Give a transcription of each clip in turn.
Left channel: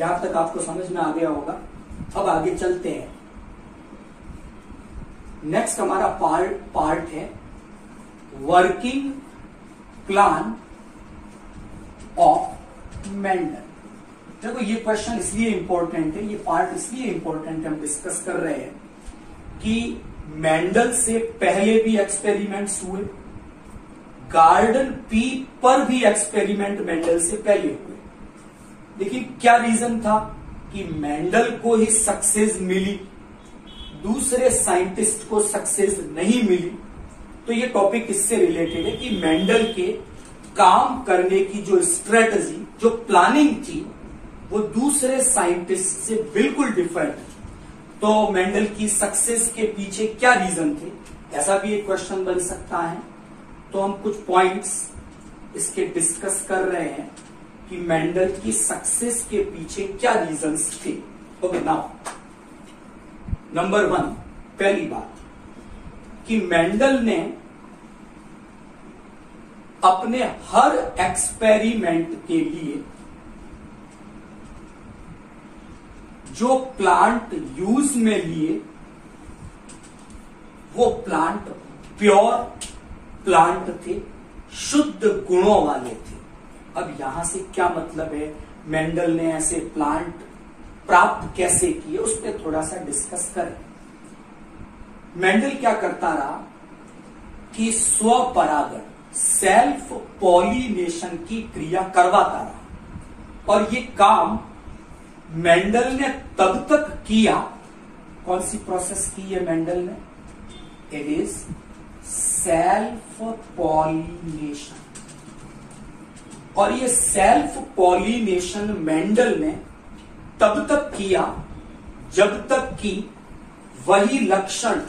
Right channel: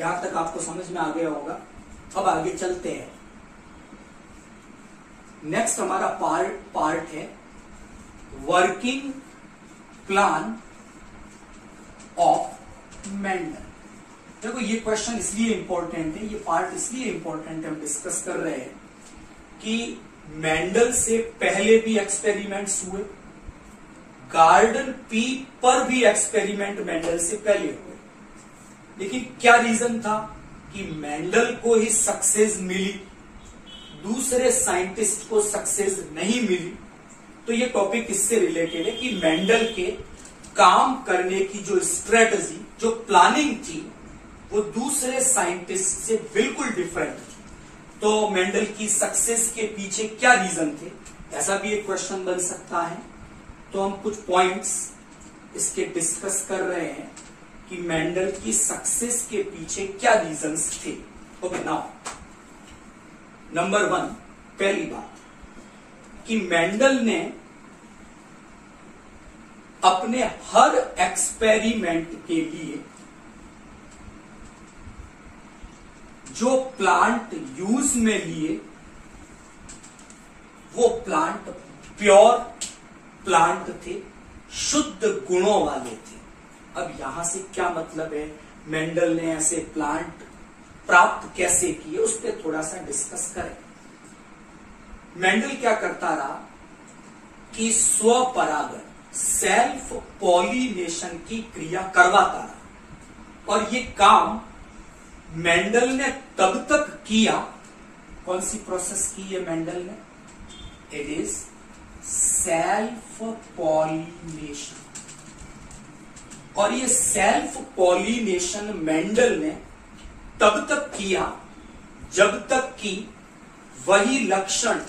यहां तक आपको समझ में आ गया होगा। अब आगे चलते हैं। नेक्स्ट हमारा पार्ट है वर्किंग प्लान ऑफ मेंडल। देखो ये क्वेश्चन इसलिए इंपॉर्टेंट है, ये पार्ट इसलिए इंपॉर्टेंट हम डिस्कस कर रहे हैं कि मेंडल से पहले भी एक्सपेरिमेंट्स हुए, गार्डन पी पर भी एक्सपेरिमेंट मेंडल से पहले हुए, लेकिन क्या रीजन था कि मेंडल को ही सक्सेस मिली, दूसरे साइंटिस्ट को सक्सेस नहीं मिली। तो ये टॉपिक इससे रिलेटेड है कि मेंडल के काम करने की जो स्ट्रेटजी, जो प्लानिंग थी, वो दूसरे साइंटिस्ट से बिल्कुल डिफरेंट थी। तो मेंडल की सक्सेस के पीछे क्या रीजन थे, ऐसा भी एक क्वेश्चन बन सकता है। तो हम कुछ पॉइंट्स इसके डिस्कस कर रहे हैं कि मेंडल की सक्सेस के पीछे क्या रीजंस थे। ओके, नाउ नंबर 1, पहली बात कि मेंडल ने अपने हर एक्सपेरिमेंट के लिए जो प्लांट यूज में लिए वो प्लांट प्योर प्लांट थे, शुद्ध गुणों वाले थे। अब यहां से क्या मतलब है, मेंडल ने ऐसे प्लांट प्राप्त कैसे किए, उस पर थोड़ा सा डिस्कस करें। मेंडल क्या करता रहा कि स्वपरागन, सेल्फ पॉलिनेशन की क्रिया करवाता रहा, और ये काम मेंडल ने तब तक किया, कौन सी प्रोसेस की है मेंडल ने, इट इज सेल्फ पॉलिनेशन। और ये सेल्फ पॉलिनेशन मेंडल ने तब तक किया जब तक कि वही लक्षण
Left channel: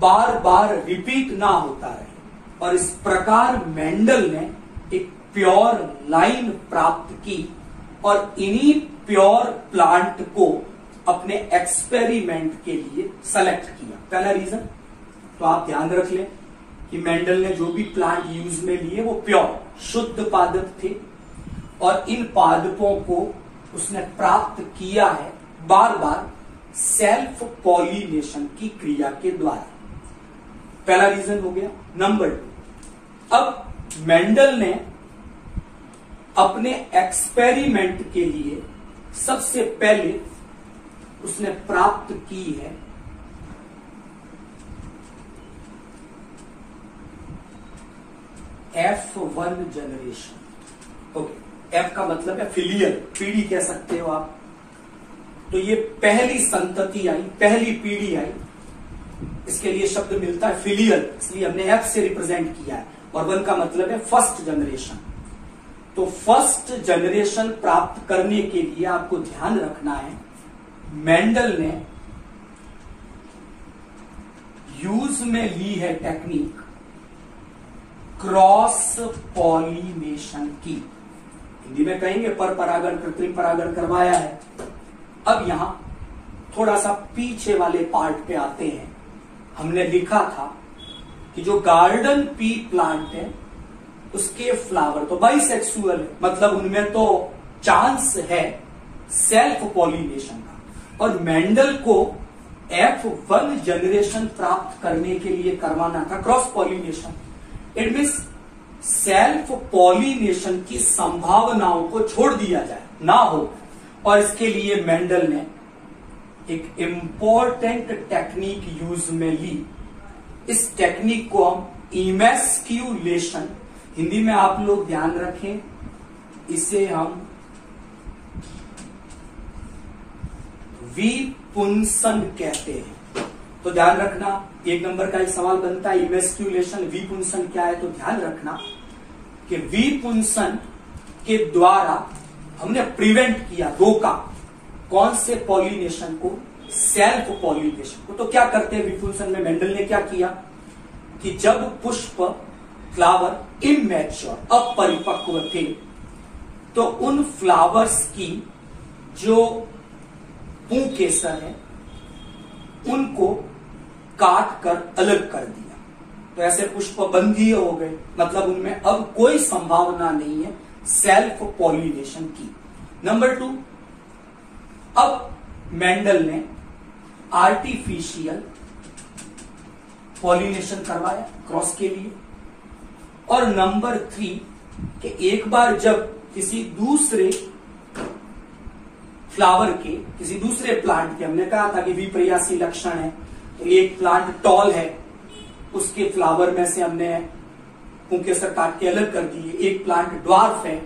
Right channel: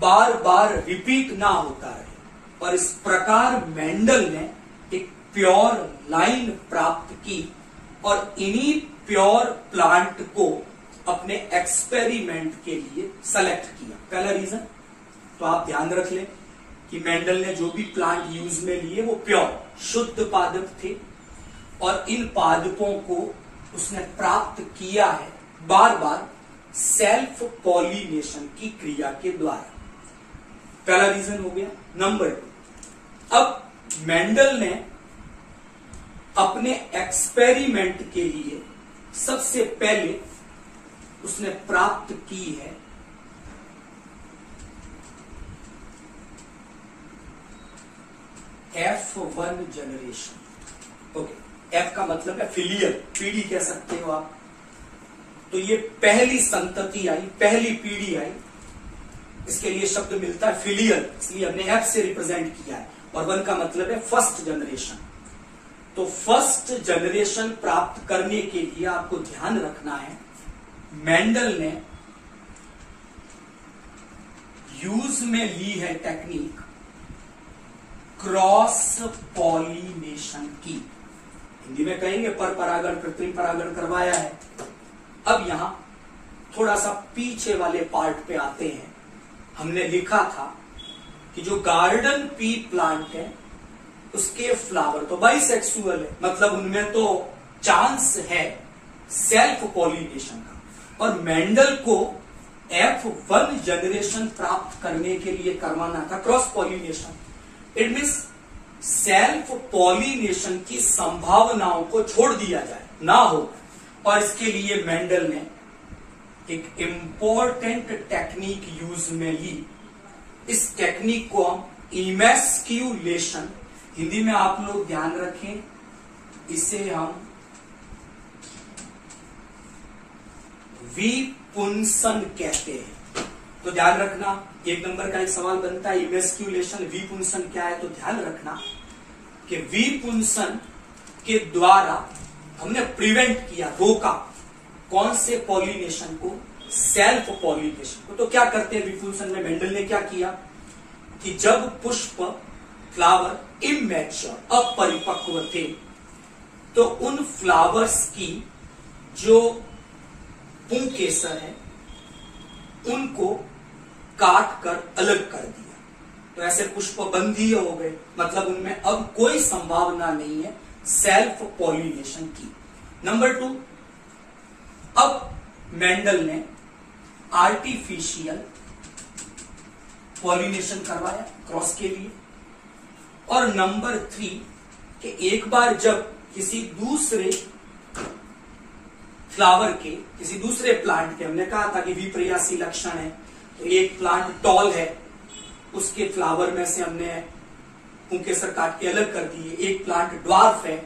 बार बार रिपीट ना होता रहे, और इस प्रकार मेंडल ने एक प्योर लाइन प्राप्त की और इन्हीं प्योर प्लांट को अपने एक्सपेरिमेंट के लिए सेलेक्ट किया। पहला रीजन तो आप ध्यान रख लें कि मेंडल ने जो भी प्लांट यूज में लिए वो प्योर शुद्ध पादप थे, और इन पादपों को उसने प्राप्त किया है बार बार सेल्फ पॉलिनेशन की क्रिया के द्वारा। पहला रीजन हो गया। नंबर 2, अब मेंडल ने अपने एक्सपेरिमेंट के लिए सबसे पहले उसने प्राप्त की है F1 जनरेशन। ओके, F का मतलब है फिलियल, पीढ़ी कह सकते हो आप। तो ये पहली संतति आई, पहली पीढ़ी आई, इसके लिए शब्द मिलता है फिलियल, इसलिए हमने F से रिप्रेजेंट किया है। और 1 का मतलब है फर्स्ट जनरेशन। तो फर्स्ट जनरेशन प्राप्त करने के लिए आपको ध्यान रखना है, मेंडल ने यूज में ली है टेक्निक क्रॉस पॉलिनेशन की। हिंदी में कहेंगे पर परागण, कृत्रिम परागण करवाया है। अब यहां थोड़ा सा पीछे वाले पार्ट पे आते हैं। हमने लिखा था कि जो गार्डन पी प्लांट है उसके फ्लावर तो बाइसेक्सुअल है, मतलब उनमें तो चांस है सेल्फ पॉलिनेशन का, और मेंडल को F1 जनरेशन प्राप्त करने के लिए करवाना था cross pollination. It means self pollination की संभावनाओं को छोड़ दिया जाए, ना हो, और इसके लिए मेंडल ने एक इंपॉर्टेंट टेक्निक यूज में ली। इस टेक्निक को हम इमेस्क्यूलेशन, हिंदी में आप लोग ध्यान रखें, इसे हम विपुंसन कहते हैं। तो ध्यान रखना, 1 नंबर का एक सवाल बनता है इमेस्क्यूलेशन, विपुंसन क्या है, तो ध्यान रखना कि विपुंसन के द्वारा हमने प्रिवेंट किया, रोका, कौन से पॉलिनेशन को, सेल्फ पॉलिनेशन को। तो क्या करते हैं विपुंसन में, मेंडल ने क्या किया कि जब पुष्प, फ्लावर इमैच्योर, अपरिपक्व थे, तो उन फ्लावर्स की जो पुंकेसर है उनको काट कर अलग कर दिया। तो ऐसे पुष्प बंधीय हो गए, मतलब उनमें अब कोई संभावना नहीं है सेल्फ पॉलिनेशन की। नंबर 2, अब मेंडल ने आर्टिफिशियल पॉलिनेशन करवाया क्रॉस के लिए। और नंबर 3 कि एक बार जब किसी दूसरे फ्लावर के, किसी दूसरे प्लांट के, हमने कहा था कि विपर्यासी लक्षण है, तो एक प्लांट टॉल है, उसके फ्लावर में से हमने पुंकेसर काट के अलग कर दिए। एक प्लांट ड्वार्फ है,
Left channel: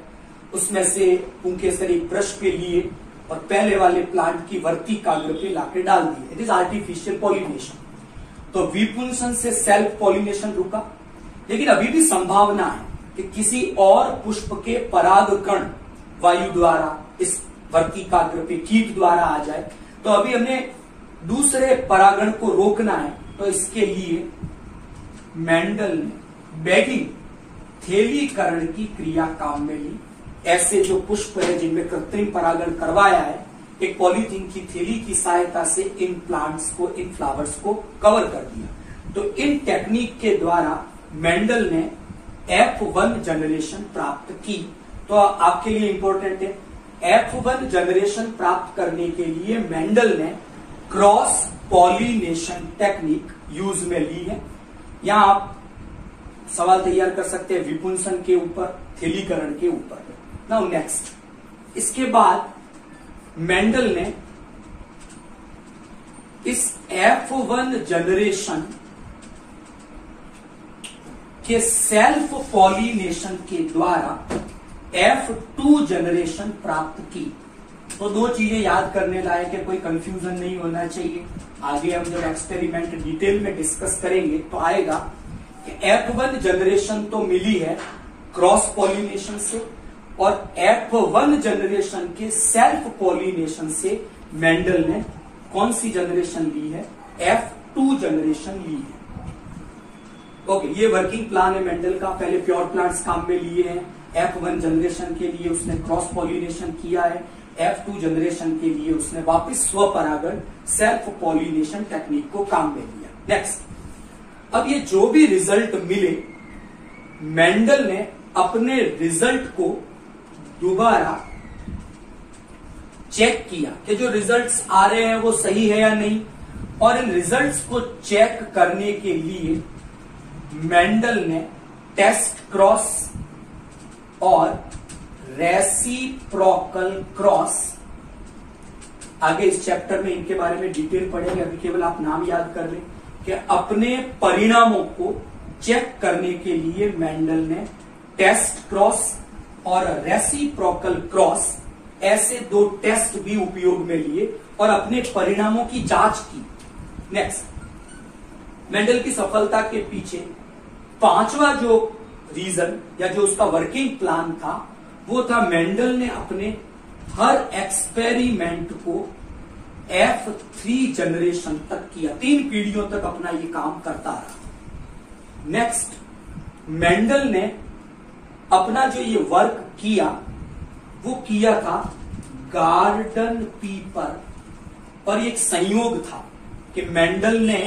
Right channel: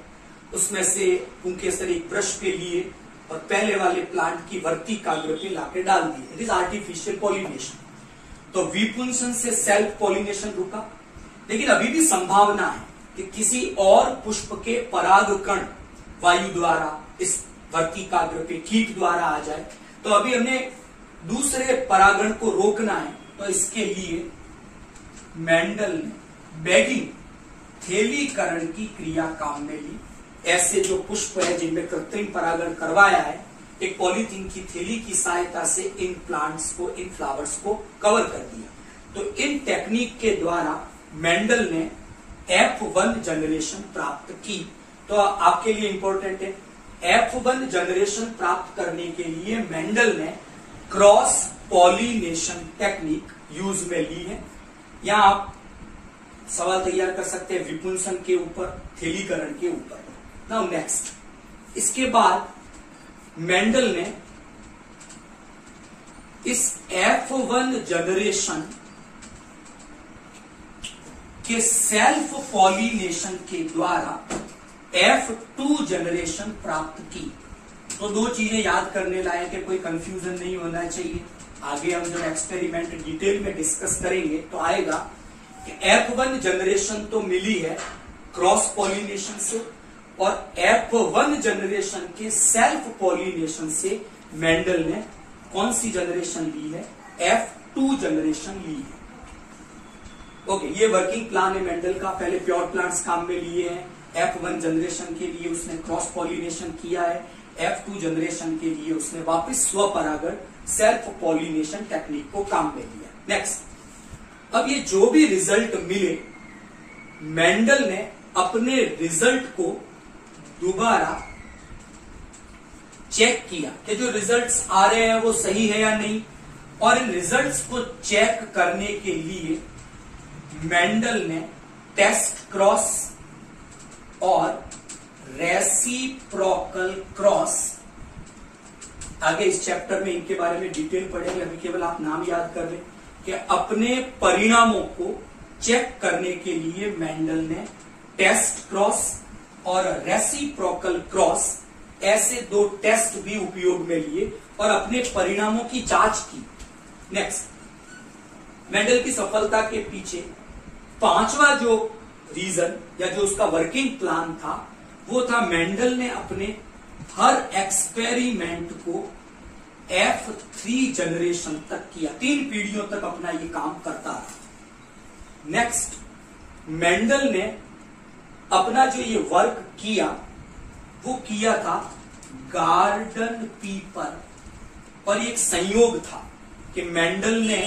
उसमें से पुंकेसर एक ब्रश पे लिए और पहले वाले प्लांट की वर्तिकाग्र पे लाके डाल दिए। It is artificial pollination. तो विपुंसन से सेल्फ पॉलिनेशन रुका, लेकिन अभी भी संभावना है कि किसी और पुष्प के परागकण वायु द्वारा इस वर्तिकाग्र पे कीट द्वारा आ जाए। तो अभी हमें दूसरे परागण को रोकना है, तो इसके लिए मेंडल ने बैगिंग, थैलीकरण की क्रिया काम में ली। ऐसे जो पुष्प है जिनमें कृत्रिम परागण करवाया है, एक पॉलीथीन की थैली की सहायता से इन प्लांट्स को, इन फ्लावर्स को कवर कर दिया। तो इन टेक्निक के द्वारा मेंडल ने F1 जनरेशन प्राप्त की। तो आपके लिए इंपॉर्टेंट है, F1 जनरेशन प्राप्त करने के लिए मेंडल ने क्रॉस पॉलिनेशन टेक्निक यूज में ली है। यहां आप सवाल तैयार कर सकते हैं विपुंसन के ऊपर, थैलीकरण के ऊपर। नाउ नेक्स्ट, इसके बाद मेंडल ने इस F1 जनरेशन के सेल्फ पॉलिनेशन के द्वारा F2 जनरेशन प्राप्त की। तो दो चीजें याद करने लायक है, कोई कंफ्यूजन नहीं होना चाहिए। आगे हम जब एक्सपेरिमेंट डिटेल में डिस्कस करेंगे तो आएगा कि F1 जनरेशन तो मिली है क्रॉस पॉलिनेशन से, और F1 जनरेशन के सेल्फ पॉलिनेशन से मेंडल ने कौन सी जनरेशन ली है? F2 जनरेशन ली है। ओके, ये वर्किंग प्लान है मेंडल का। पहले प्योर प्लांट्स काम में लिए हैं, F1 जनरेशन के लिए उसने क्रॉस पॉलिनेशन किया है, F2 जनरेशन के लिए उसने वापस स्वपरागण, सेल्फ पॉलिनेशन टेक्निक को काम में लिया। नेक्स्ट, अब ये जो भी रिजल्ट मिले, मेंडल ने अपने रिजल्ट को दोबारा चेक किया कि जो रिजल्ट्स आ रहे हैं वो सही है या नहीं। और इन रिजल्ट्स को चेक करने के लिए मेंडल ने टेस्ट क्रॉस और रेसिप्रोकल क्रॉस, आगे इस चैप्टर में इनके बारे में डिटेल पढ़ेंगे, अभी केवल आप नाम याद कर लें कि अपने परिणामों को चेक करने के लिए मेंडल ने टेस्ट क्रॉस और रेसिप्रोकल क्रॉस, ऐसे दो टेस्ट भी उपयोग में लिए और अपने परिणामों की जांच की। नेक्स्ट, मेंडल की सफलता के पीछे पांचवा जो रीजन या जो उसका वर्किंग प्लान था वो था मेंडल ने अपने हर एक्सपेरिमेंट को F3 जनरेशन तक किया, 3 पीढ़ियों तक अपना ये काम करता रहा। नेक्स्ट, मेंडल ने अपना जो ये वर्क किया वो किया था गार्डन पी पर, और एक संयोग था कि मेंडल ने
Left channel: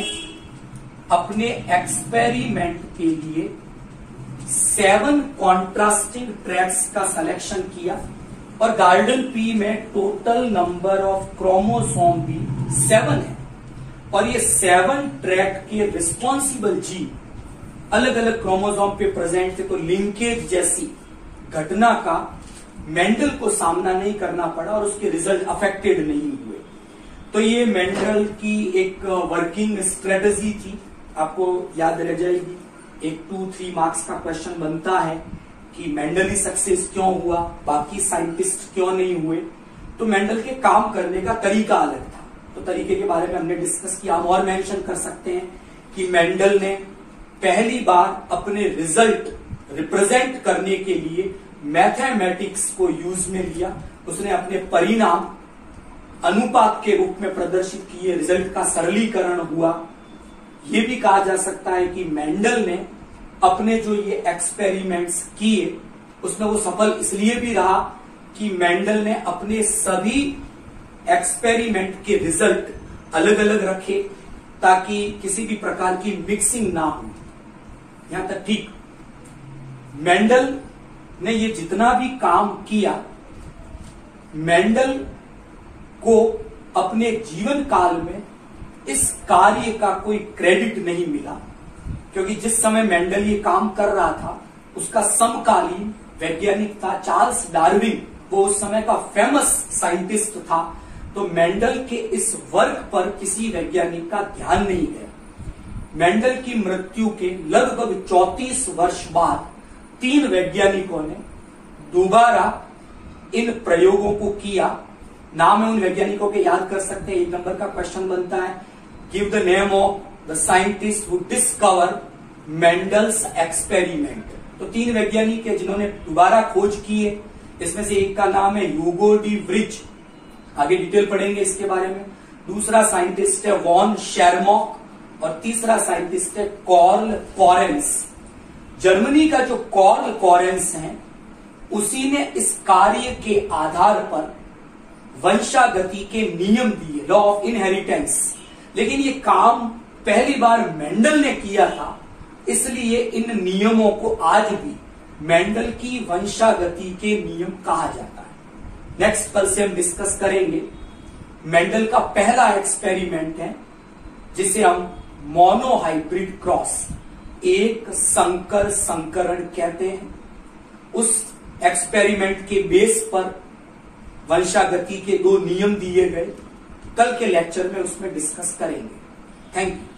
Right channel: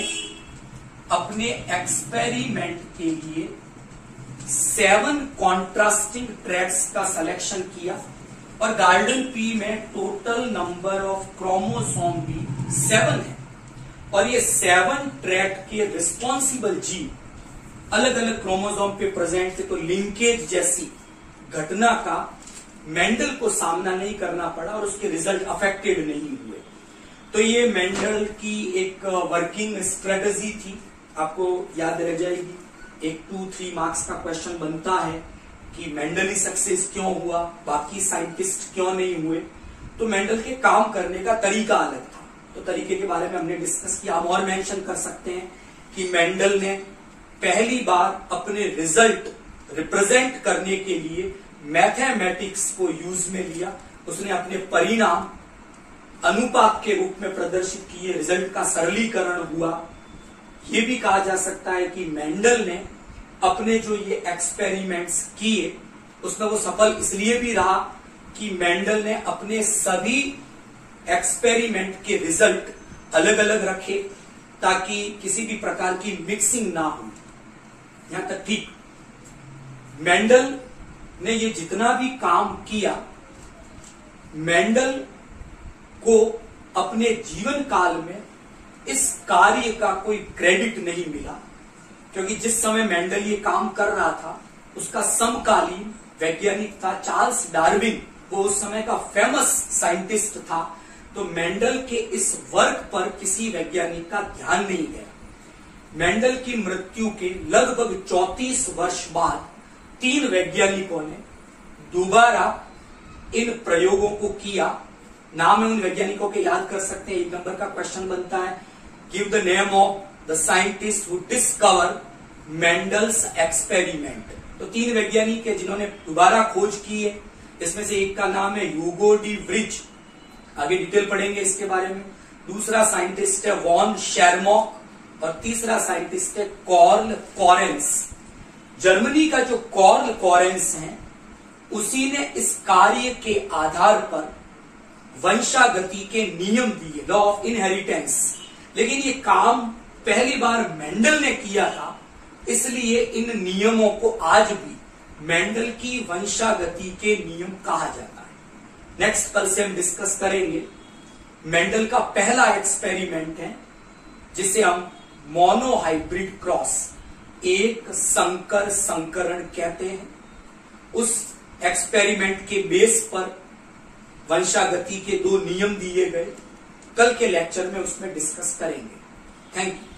अपने एक्सपेरिमेंट के लिए 7 कॉन्ट्रास्टिंग ट्रैक्स का सिलेक्शन किया, और गार्डन पी में टोटल नंबर ऑफ क्रोमोसोम भी 7 है, और ये 7 ट्रैक के रिस्पॉन्सिबल जीन अलग अलग क्रोमोसोम पे प्रेजेंट थे। तो लिंकेज जैसी घटना का मेंडल को सामना नहीं करना पड़ा और उसके रिजल्ट अफेक्टेड नहीं हुए। तो ये मेंडल की एक वर्किंग स्ट्रेटजी थी, आपको याद रह जाएगी। एक 2-3 मार्क्स का क्वेश्चन बनता है कि मेंडल ही सक्सेस क्यों हुआ, बाकी साइंटिस्ट क्यों नहीं हुए। तो मेंडल के काम करने का तरीका अलग था, तो तरीके के बारे में हमने डिस्कस किया। हम और मेंशन कर सकते हैं कि मेंडल ने पहली बार अपने रिजल्ट रिप्रेजेंट करने के लिए मैथमेटिक्स को यूज में लिया। उसने अपने परिणाम अनुपात के रूप में प्रदर्शित किए, रिजल्ट का सरलीकरण हुआ। यह भी कहा जा सकता है कि मेंडल ने अपने जो ये एक्सपेरिमेंट्स किए उसमें वो सफल इसलिए भी रहा कि मेंडल ने अपने सभी एक्सपेरिमेंट के रिजल्ट अलग अलग रखे ताकि किसी भी प्रकार की मिक्सिंग ना हो। यहां तक ठीक, मेंडल ने ये जितना भी काम किया, मेंडल को अपने जीवन काल में इस कार्य का कोई क्रेडिट नहीं मिला, क्योंकि जिस समय मेंडल ये काम कर रहा था उसका समकालीन वैज्ञानिक था चार्ल्स डार्विन, वो उस समय का फेमस साइंटिस्ट था। तो मेंडल के इस वर्क पर किसी वैज्ञानिक का ध्यान नहीं गया। मेंडल की मृत्यु के लगभग 34 वर्ष बाद 3 वैज्ञानिकों ने दोबारा इन प्रयोगों को किया। नाम है उन वैज्ञानिकों के याद कर सकते हैं। 1 नंबर का क्वेश्चन बनता है, give the name of the scientist who discover Mendel's experiment. तो 3 वैज्ञानिक है जिन्होंने दोबारा खोज की है। इसमें से एक का नाम है ह्यूगो डी व्रिज, आगे डिटेल पढ़ेंगे इसके बारे में। दूसरा साइंटिस्ट है वॉन शेरमॉक और तीसरा साइंटिस्ट है कॉर्ल कॉरेंस। जर्मनी का जो कॉर्ल कॉरेंस है उसी ने इस कार्य के आधार पर वंशागति के नियम दिए, लॉ ऑफ इनहेरिटेंस। लेकिन ये काम पहली बार मेंडल ने किया था, इसलिए इन नियमों को आज भी मेंडल की वंशागति के नियम कहा जाता है। नेक्स्ट कल से हम डिस्कस करेंगे मेंडल का पहला एक्सपेरिमेंट है जिसे हम मोनोहाइब्रिड क्रॉस, एक संकर संकरण कहते हैं। उस एक्सपेरिमेंट के बेस पर वंशागति के 2 नियम दिए गए। कल के लेक्चर में उसमें डिस्कस करेंगे। Thank you.